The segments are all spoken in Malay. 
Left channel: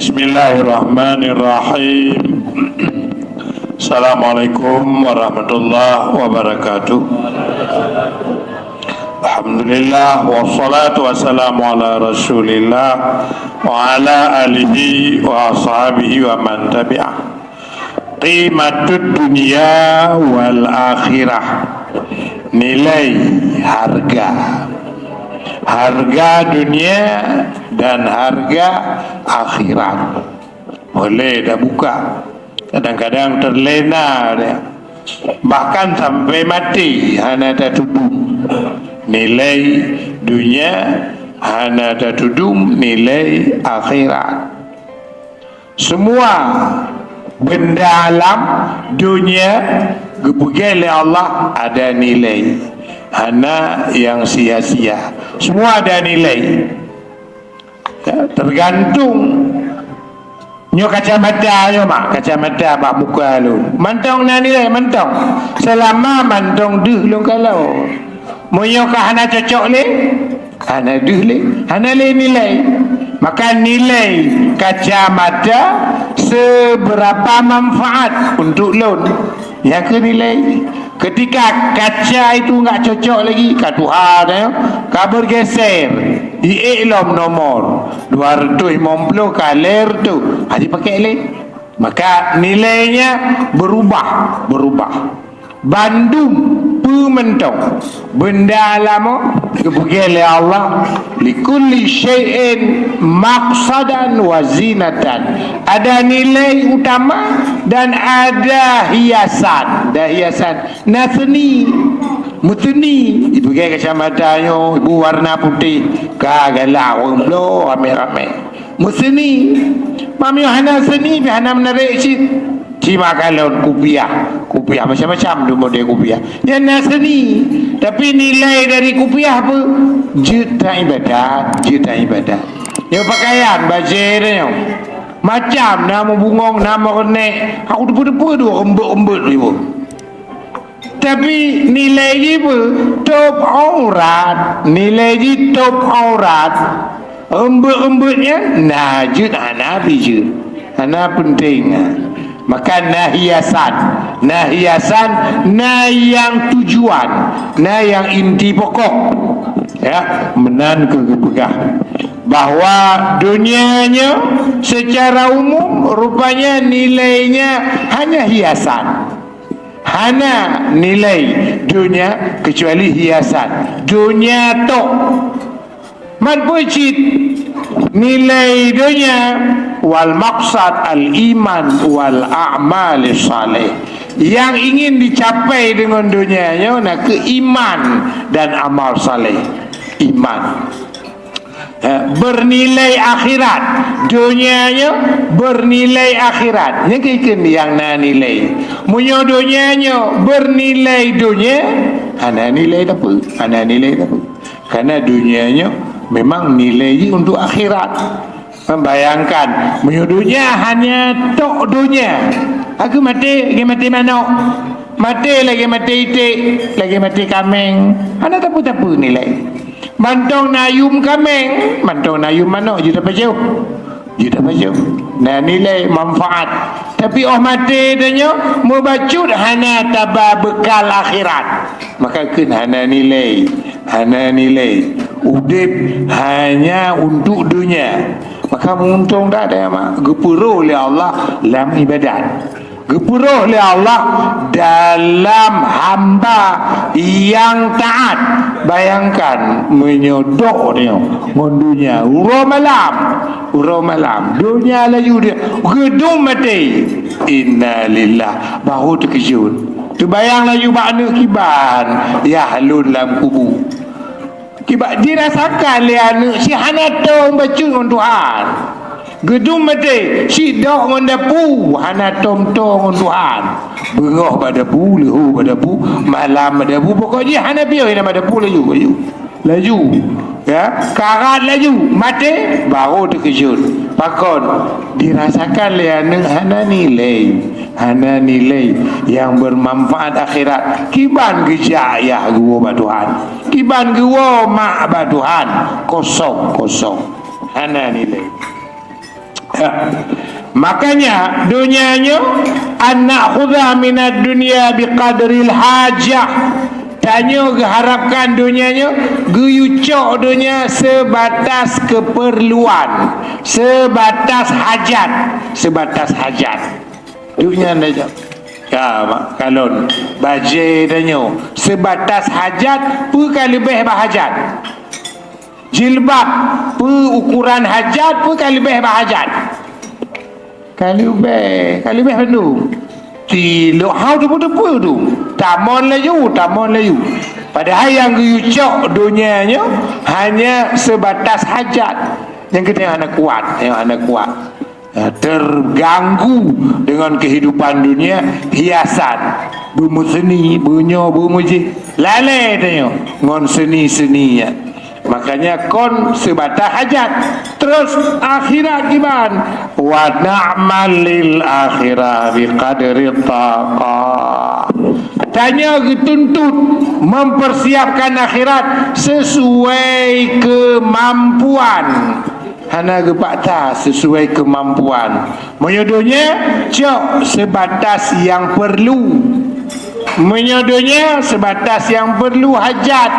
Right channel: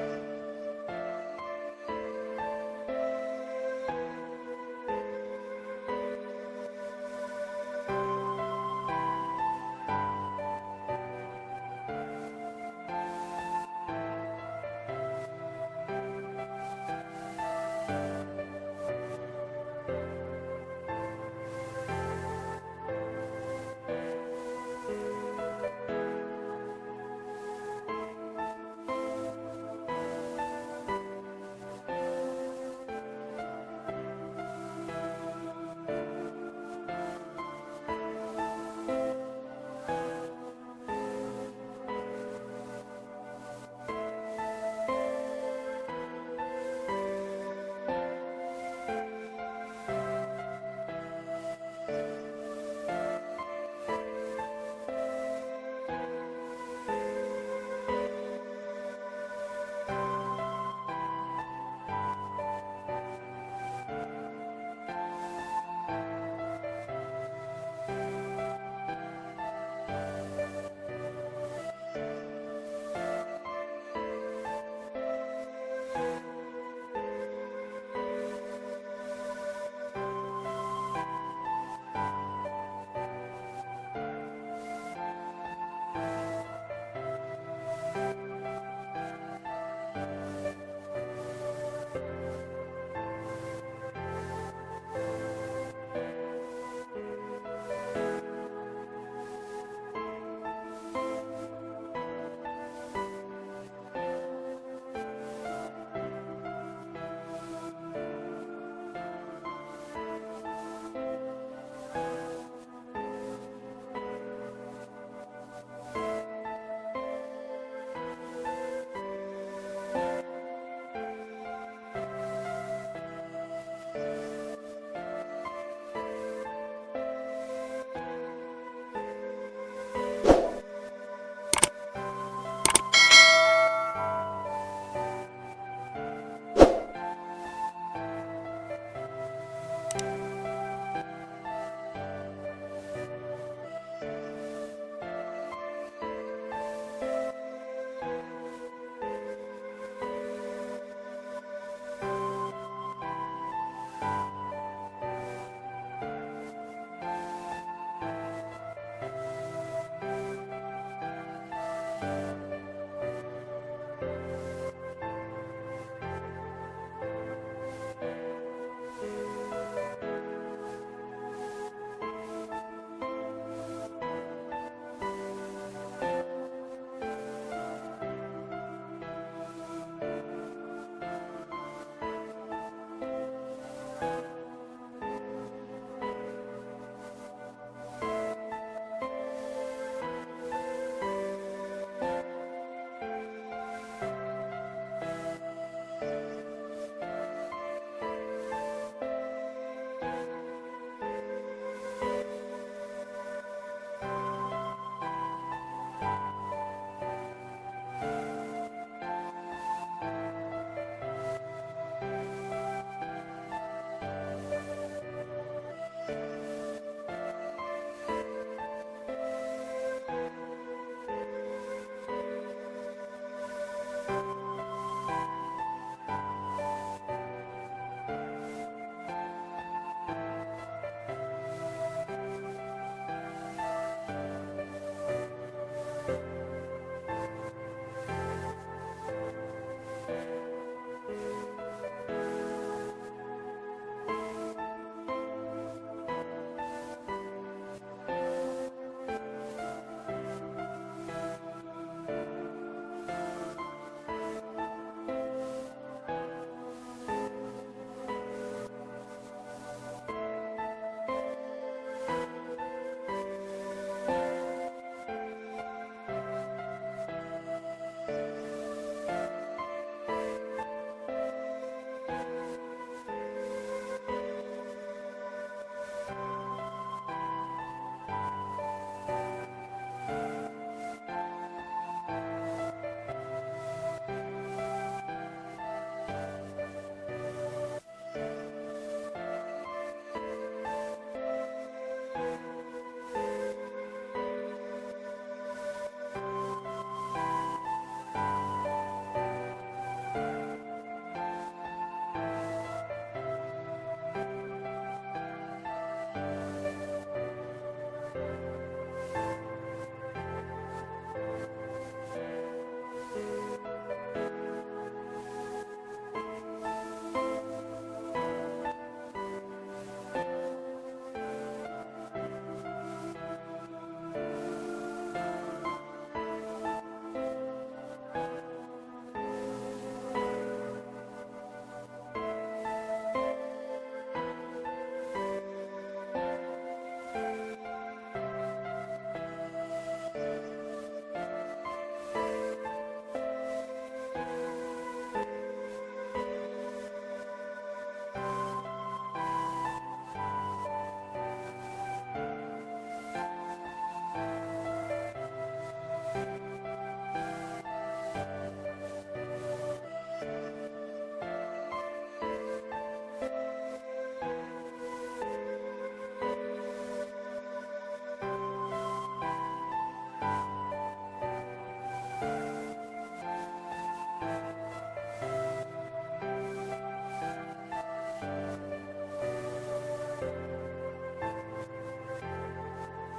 Bismillahirrahmanirrahim. Assalamualaikum warahmatullahi wabarakatuh. Alhamdulillah wassalatu wassalamu ala Rasulillah wa ala alihi wa ashabihi wa man tabi'ah. Qimatud dunia wal akhirah. Nilai harga dunia dan harga akhirat. Boleh dah buka. Kadang-kadang terlena dia. Bahkan sampai mati hana tak tudung nilai dunia, hana tak tudung nilai akhirat. Semua benda alam dunia gebugai oleh Allah ada nilai. Hana yang sia-sia. Semua ada nilai. Ya, tergantung nyo kacamata nyo mak, kacamata bak muka lu. Mantong na nilai mantong. Selama mantong duh lu kalau. Moyo ka hana cocok le? Hana duh le, hana le nilai. Maka nilai kacamata seberapa manfaat untuk lun. Yang ke nilai. Ketika kaca itu enggak cocok lagi, ka Tuhan ya, ka bergeser. Di iklam nomor 250 kaler tu. Hadi pakai le. Maka nilainya berubah. Bandung pementong benda alam kebugian oleh Allah likulli syai'in maqsadan wa zinatan. Ada nilai utama dan ada hiasan. Nasni mutni ibu gaya kacamata nyo ibu warna putih kagalah orang blo rame-rame musni mami hana seni hana menarik cima kalau kupiah macam-macam tu model kupiah yang nasni tapi nilai dari kupiah apa juta ibadat yang pakaian baju dia macam nama bungong nama renek aku depu-depu tu embut ibu. Tapi nilai je apa? Top aurat. Nilai je top aurat. Embut-embutnya najud hanabi je. Hana penting. Maka nahiasan. Nah yang tujuan. Nah yang inti pokok. Ya, menan kegepegah. Bahawa dunianya secara umum rupanya nilainya hanya hiasan. Hana nilai dunia kecuali hiasan. Dunia tok man pucit nilai dunia wal maqsad al iman wal a'mal salih. Yang ingin dicapai dengan dunianya nak ke iman dan amal saleh. Iman bernilai akhirat, dunianya bernilai akhirat. Yang ikan yang na nilai. Munyo dunianya bernilai dunia, ana nilai apa? Karena dunianya memang nilai untuk akhirat. Membayangkan munyo dunia hanya tok dunia. Aku mati mana? Mati lagi mati itik, lagi mati kameng. Ana tapu-tapu nilai. Mantong nayum kameng, mantong nayum mana? Juta pajau. Nah nilai manfaat. Tapi mati danyo mubacut hana taba bekal akhirat. Maka kun hana nilai. Udip hanya untuk dunia. Maka untung tak ada mak. Gepuro oleh Allah dalam ibadat. Gepuro oleh Allah dalam hamba yang taat. Bayangkan menyodok dia dunia uro malam dunia laju dia gedung mati innalillah bahu terkejut tu bayang laju bakna kiban ya halun dalam kubu kiban dirasakan le anak si hana tong baca dengan Tuhan gedung mati si dok mendapu hana tong-tong Tuhan bengah pada pu lehu pada pu malam pada pu pokoknya hana biar ina pada pu laju ya karat laju mati baru terkejut pakon dirasakan le anak hana nilai yang bermanfaat akhirat kiban gejak ya gua ba Tuhan kiban gua mak ba Tuhan kosong hana nilai. Makanya dunianya anak khudha minad dunia biqadril hajah. Tanya harapkan dunianya guyucok dunia sebatas keperluan, sebatas hajat. Dunia saja. Ya mak kalon baje tanya sebatas hajat pu lebih bahajat. Jilbab pu ukuran hajat pu lebih bahajat. Kali lebih penuh. Ti lo hau tu tu. Tamon layu. Padahal yang yucok dunianya hanya sebatas hajat. Yang kita yang anak kuat. Terganggu dengan kehidupan dunia, hiasan, bumu seni, bumu lalai tanya ngon seni-seninya. Makanya kon sebatas hajat. Terus akhirat gimana? Wa na'mal lil akhirah biqadri taqah. Tanya dituntut mempersiapkan akhirat sesuai kemampuan. Hana gepakta sesuai kemampuan. Menyodohnya cok sebatas yang perlu. Menyodohnya sebatas yang perlu hajat.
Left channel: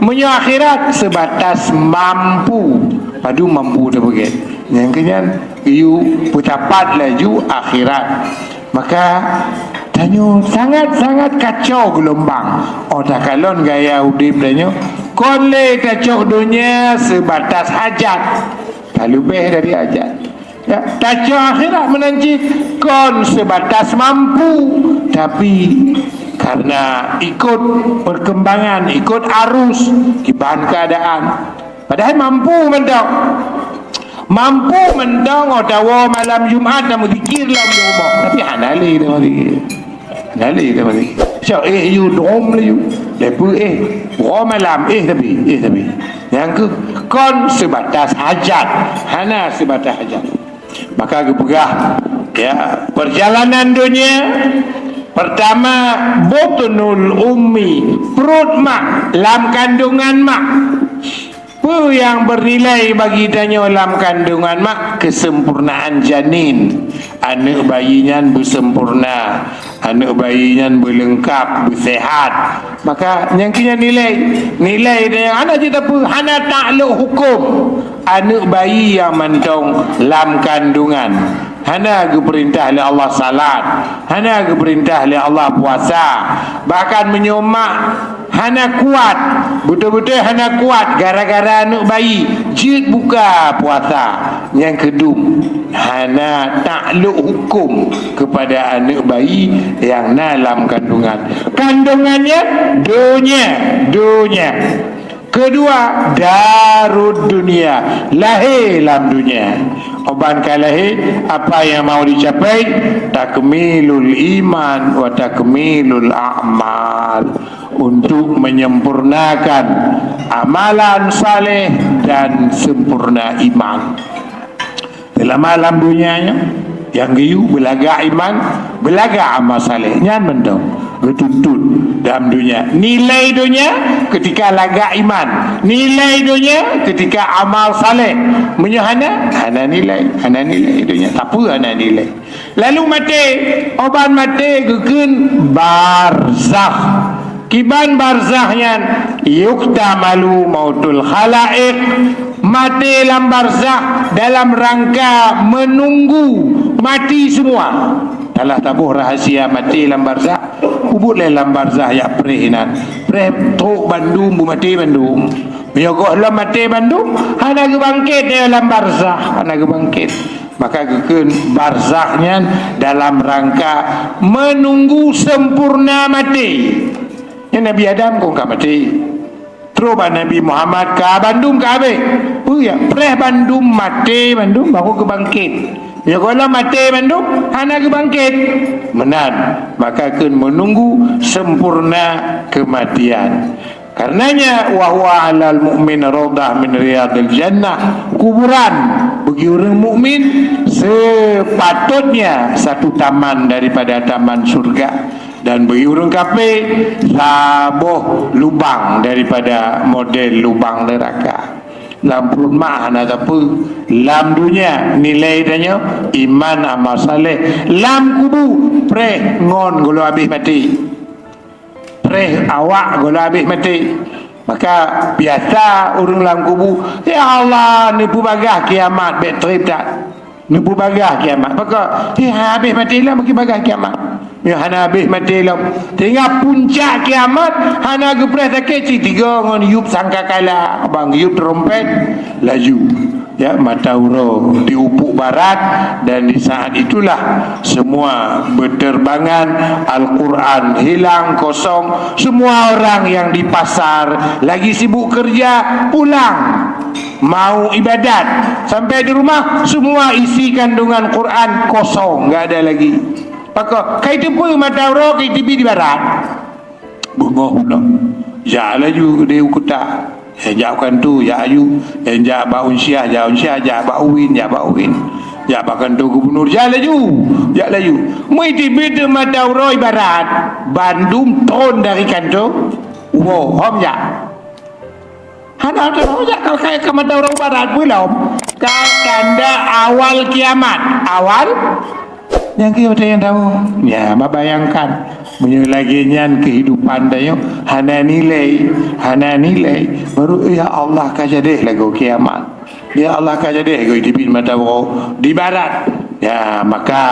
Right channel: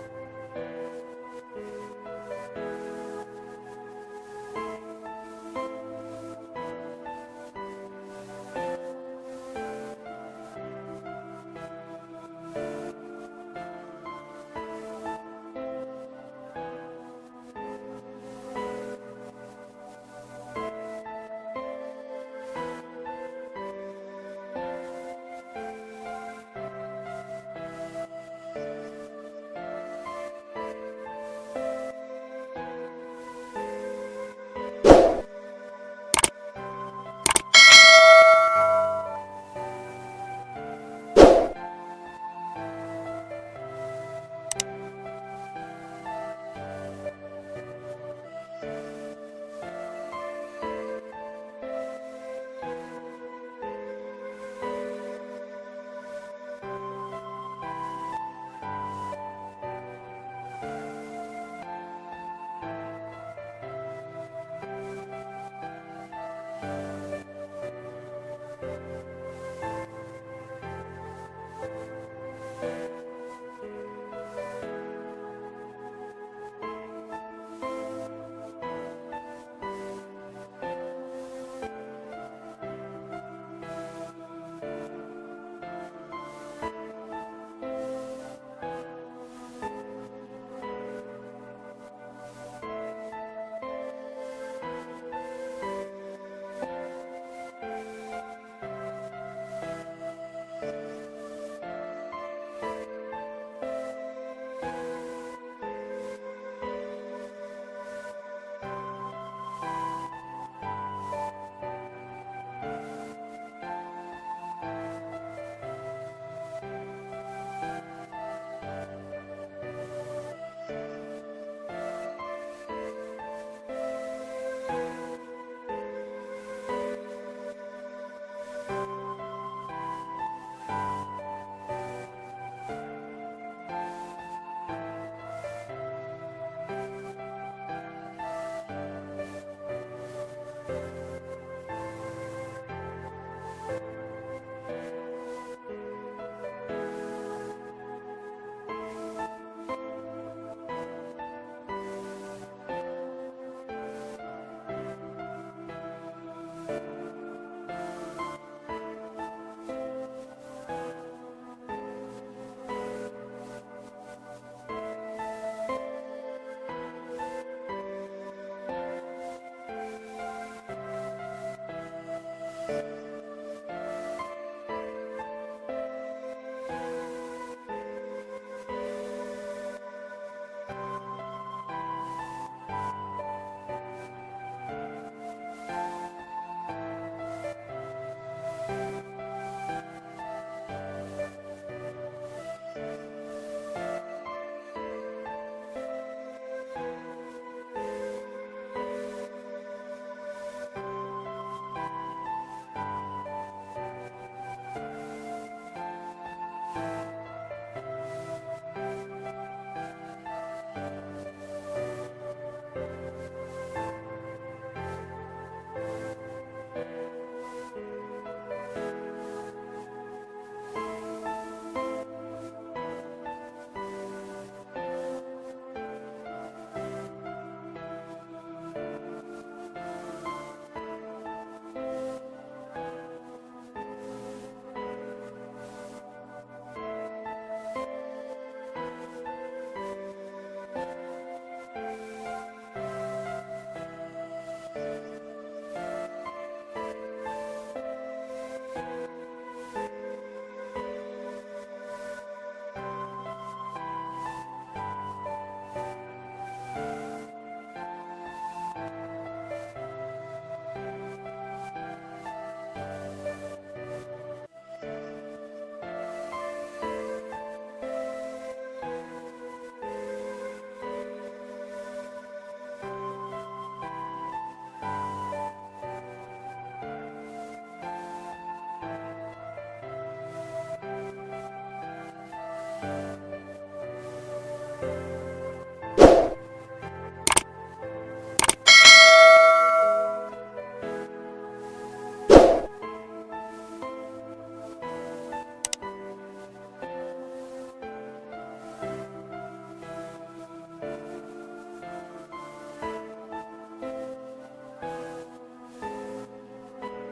Menyo akhirat sebatas mampu. Padu mampu dah begitu. Yang kenyan you putapat laju akhirat. Maka tanya sangat-sangat kacau gelombang. Tak kalon gaya udip tanya. Kon le kacau dunia sebatas hajat. Tak lebih dari hajat. Ya, kacau akhirat menanti kon sebatas mampu. Tapi karena ikut perkembangan, ikut arus, kibahan keadaan. Padahal mampu mendong otawa malam Jumaat namu zikir lah rumah. Tapi hanali dah zikir. So you dom lah you. Lepas malam tapi. Yang ke kon sebatas hajat. Hana sebatas hajat. Maka kepegah ya perjalanan dunia. Pertama, botnul ummi, perut mak, lam kandungan mak. Apa yang bernilai bagi tanya lam kandungan mak? Kesempurnaan janin. Anak bayinya bersempurna, anak bayinya berlengkap, bersehat. Maka yang kena nilai dia anak kita pun hana takluk hukum. Anak bayi yang mentong lam kandungan. Hana ke perintah oleh Allah salat, hana ke perintah oleh Allah puasa. Bahkan menyomak hana kuat, betul-betul hana kuat gara-gara anak bayi jid buka puasa. Yang kedua, hana takluk hukum kepada anak bayi yang dalam kandungannya dunia. Kedua, darud dunia, lahir dalam dunia. Oban kalahir apa yang mau dicapai? Takmilul iman wa takmilul a'mal. Untuk menyempurnakan amalan saleh dan sempurna iman. Dalam alam dunianya yang giyu belaga iman, belaga amal saleh. Nyan mendong betuntut dalam dunia. Nilai dunia ketika laga iman, nilai dunia ketika amal saleh. Menyahana hana nilai dunia. Tak apa hana nilai. Lalu mati, oban mati gegen barzakh. Kiban barzahnya yuktamalu mautul khalaik. Mati dalam barzah dalam rangka menunggu mati semua. Dalam tabuh rahasia mati dalam barzah. Kubut dalam barzah ya prehinan. Preh tok Bandung bu mati Bandung. Menyokok dalam mati Bandung. Hana ke bangkit dalam barzah. Hana ke bangkit. Maka keken barzahnya dalam rangka menunggu sempurna mati. Yang Nabi Adam kau tak mati. Terus Nabi Muhammad ke Bandung ke Abe. Oh ya, preh Bandung mati Bandung baru ke bangkit. Ya kalau mati Bandung, hana ke bangkit. Menan, maka akan menunggu sempurna kematian. Karenanya wahwa alal mu'min radah min riyadil jannah. Kuburan bagi orang mukmin sepatutnya satu taman daripada taman surga. Dan bagi orang kafir sabuh lubang daripada model lubang neraka. lam perut mak hana apa lam dunia nilai danya iman amal saleh, lam kubu preh ngon golo habis mati, preh awak golo habis mati. Maka biasa orang dalam kubu, ya Allah nipu bagah kiamat betrip tak, nipu bagah kiamat. Maka habis mati lah makin bagah kiamat. Ya hana habis mati lah, tinggal puncak kiamat hana gepres sakit tiga ngon yup sangkakala abang yup trompet laju ya mata uro di ufuk barat, dan di saat itulah semua berterbangan, Al-Quran hilang kosong, semua orang yang di pasar lagi sibuk kerja pulang mau ibadat, sampai di rumah semua isi kandungan Quran kosong, enggak ada lagi. Maka kai tu pun mata uro kai TV di barat bunga pula ya laju dia ukuta ya jauhkan tu ya ayu ya baun syah ya bauin ya bahkan tu gubernur ya laju mai TV tu mata uro ibarat Bandung ton dari kanto wow hom ya hana tu ya kalau kayak ke mata uro barat belum tanda awal kiamat awal yang kita yang tahu ya bayangkan menyelagian kehidupan dia hana nilai baru ya Allah kajadeh lagu kiamat, ya Allah kajadeh go di mata di barat ya. Maka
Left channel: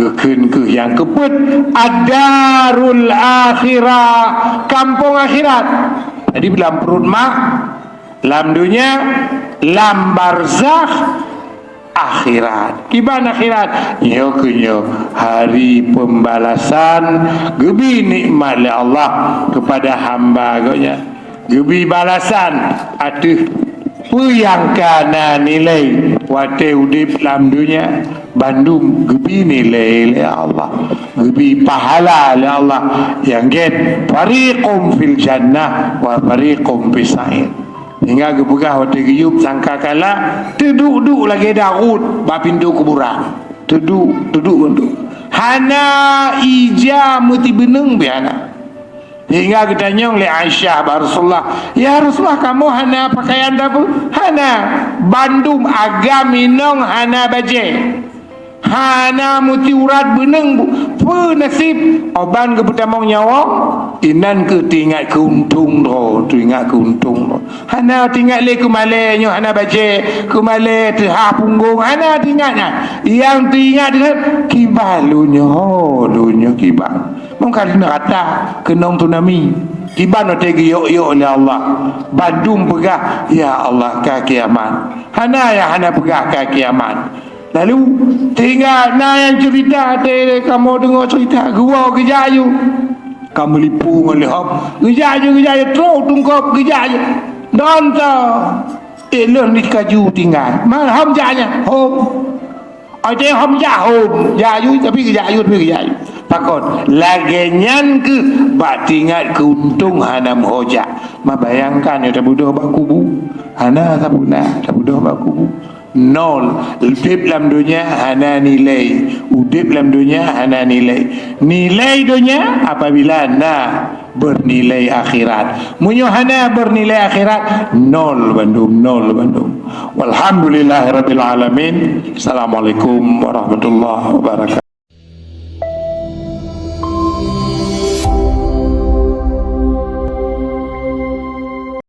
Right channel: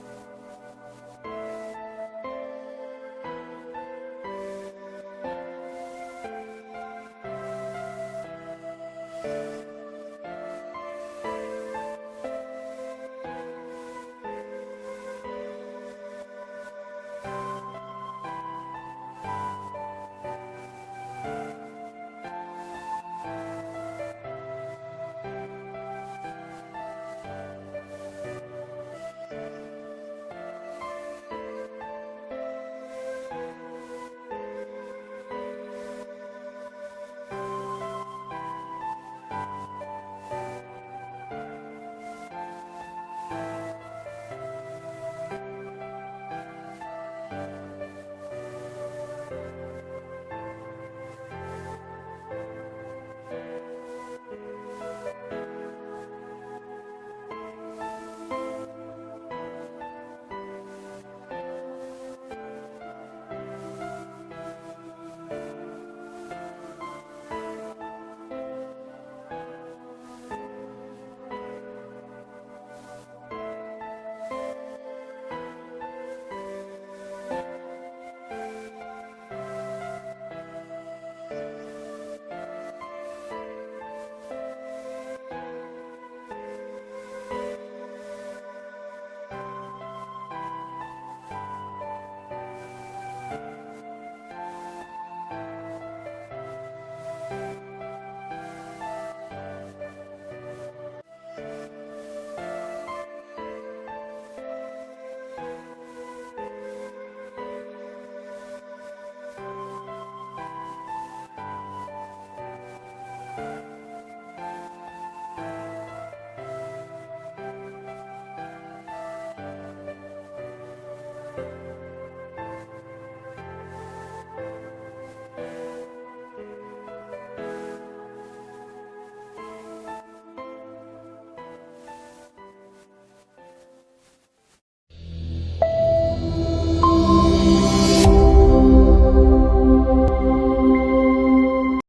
gekeun ke yang keput ad-darul akhirah, kampung akhirat. Jadi dalam perut mak lam dunia, lam barzakh akhirat. Kiban akhirat nyo kunyo hari pembalasan, gebi nikmat oleh Allah kepada hamba gonya, gebi balasan atuh yang kana nilai wate udip dalam dunia Bandung, gebi nilai oleh Allah, gebi pahala oleh Allah yang get fariqum fil jannah wa fariqum fis sa'ir. Hingga gebegah waktu giyup sangka kala teduk lagi Daud ba pintu kuburan teduk untuk hana ija muti beneng biana. Hingga kita nyong le Aisyah Rasulullah, ya Rasulullah kamu hana pakaian apa? Hana Bandung agam minong hana baje, hana muti urat beneng pu nasib oban ke pertama nyawa inan ke tingat keuntung hana tingat le ke male nyo hana baje ke male ha punggung hana tingatnya yang tingat dengan kibalunya dunya kibal mungkin nerata kenong tunami kiban ote yo oleh Allah Bandung pegah ya Allah ka kiamat hana pegah ka kiamat. Lalu tinggal yang cerita kamu dengar cerita gua Gejayu kamu lipu oleh hop Gejayu terus tungkap Gejayu donta elon di kaju tinggal mana hom janya hom ada hom jayu tapi Gejayu pakon lagenyan ke bak tinggal keuntung hanam hoja mabayangkan ya tabudoh bak kubu hana tabudoh bak kubu nol. Udip dalam dunia hana nilai, udip dalam dunia hana nilai dunia apabila na bernilai akhirat. Munyo hana bernilai akhirat nol Bandung. Walhamdulillahirabbil alamin. Assalamualaikum warahmatullahi wabarakatuh.